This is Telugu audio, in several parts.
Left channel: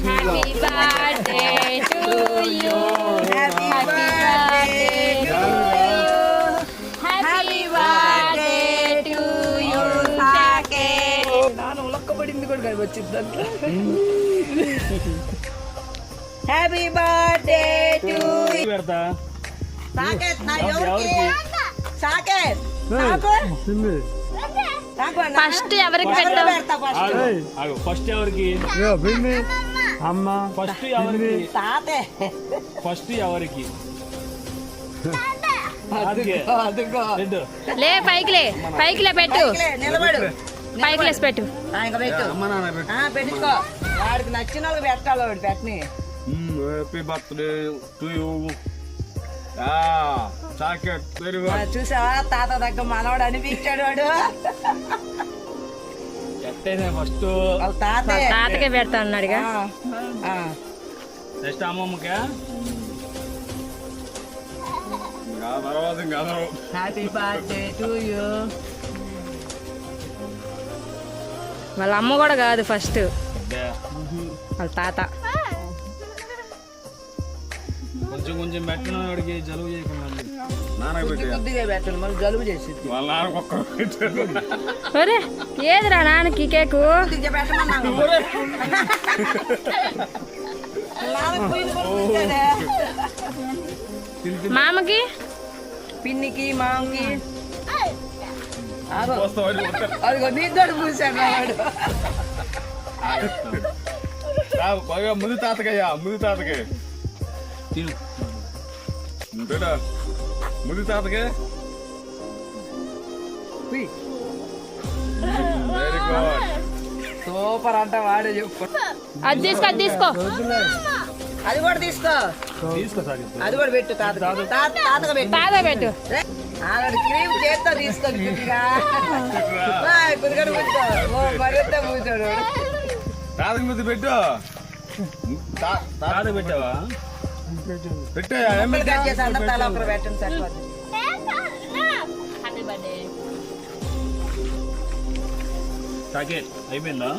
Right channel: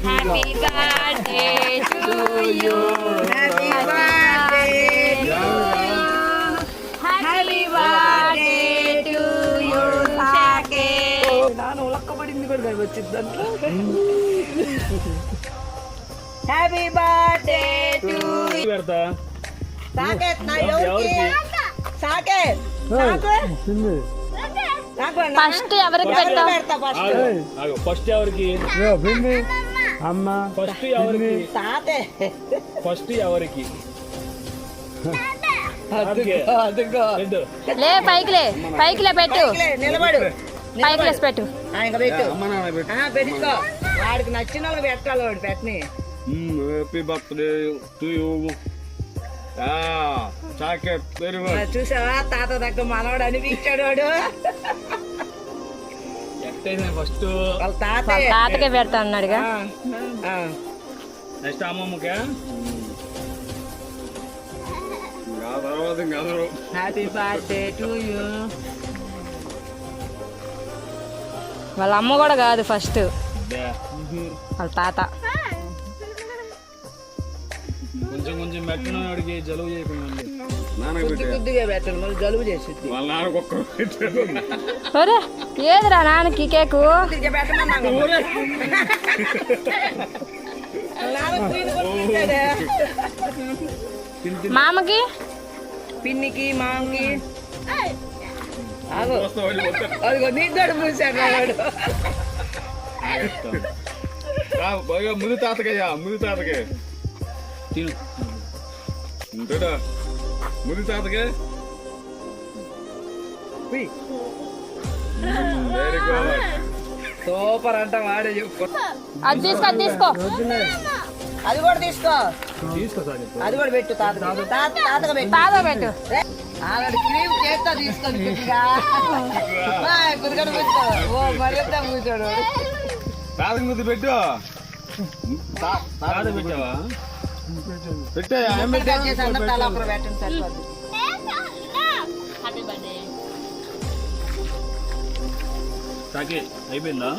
Happy birthday to you. Happy birthday to you. Happy birthday to you. Happy birthday to you. Saket na yorki. Saket. First ఎవరికి పెట్టావు? ఫస్ట్ ఎవరికి అమ్మ ఫస్ట్ ఎవరికి ఫస్ట్ ఎవరికి లే పైకిలే పైకిలే పెట్టు పైకిలేసి పెట్టు పెట్టుకో వాడికి నచ్చిన వాళ్ళు పెట్టాలి వాడు పెట్టని happy birthday to you chocolate very good చూసా తాత దగ్గర మనవాడు అనిపించాడు వాడు ఎట్టయినా ఫస్ట్ వాళ్ళ తాత వాళ్ళ తాతకే పెడతా అన్నాడుగా. నెక్స్ట్ అమ్మమ్మకే హ్యాపీ బర్త్డే టు యూ. వాళ్ళ అమ్మ కూడా కాదు ఫస్ట్ వాళ్ళ తాత. కొంచెం కొంచెం మెట్టను అడిగి జలుబు చేయకుండా కొద్దిగా పెట్టండి మళ్ళీ జలుబు చేసి ఒరే ఏదిరా నాన్నకి కేకు? మామకి పిన్నికి మామకి అదిగో నీ తోడు పూసాడు ముందు తాతకయ్యా ముందు తాతకే తిను అంతేనా ముందు తాతకే వెరీ గుడ్ సూపర్ అంట వాడే చెప్పు. అది తీసుకో అది తీసుకో అది కూడా తీసుకో తీసుకో సార్ అది కూడా పెట్టు తాతగా పెట్టు తాత పెట్టు. క్రీమ్ చేస్తా తీసుకో కొద్దిగా కూర్చో మరింత కూర్చోడు తాతకి ముందు పెట్టు తాత పెట్టావా పెట్టాయా తలాపురం పెట్టండి సరిపోద్ది. అయిపోయిందా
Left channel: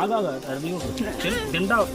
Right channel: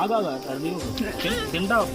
ఆగా తింటావు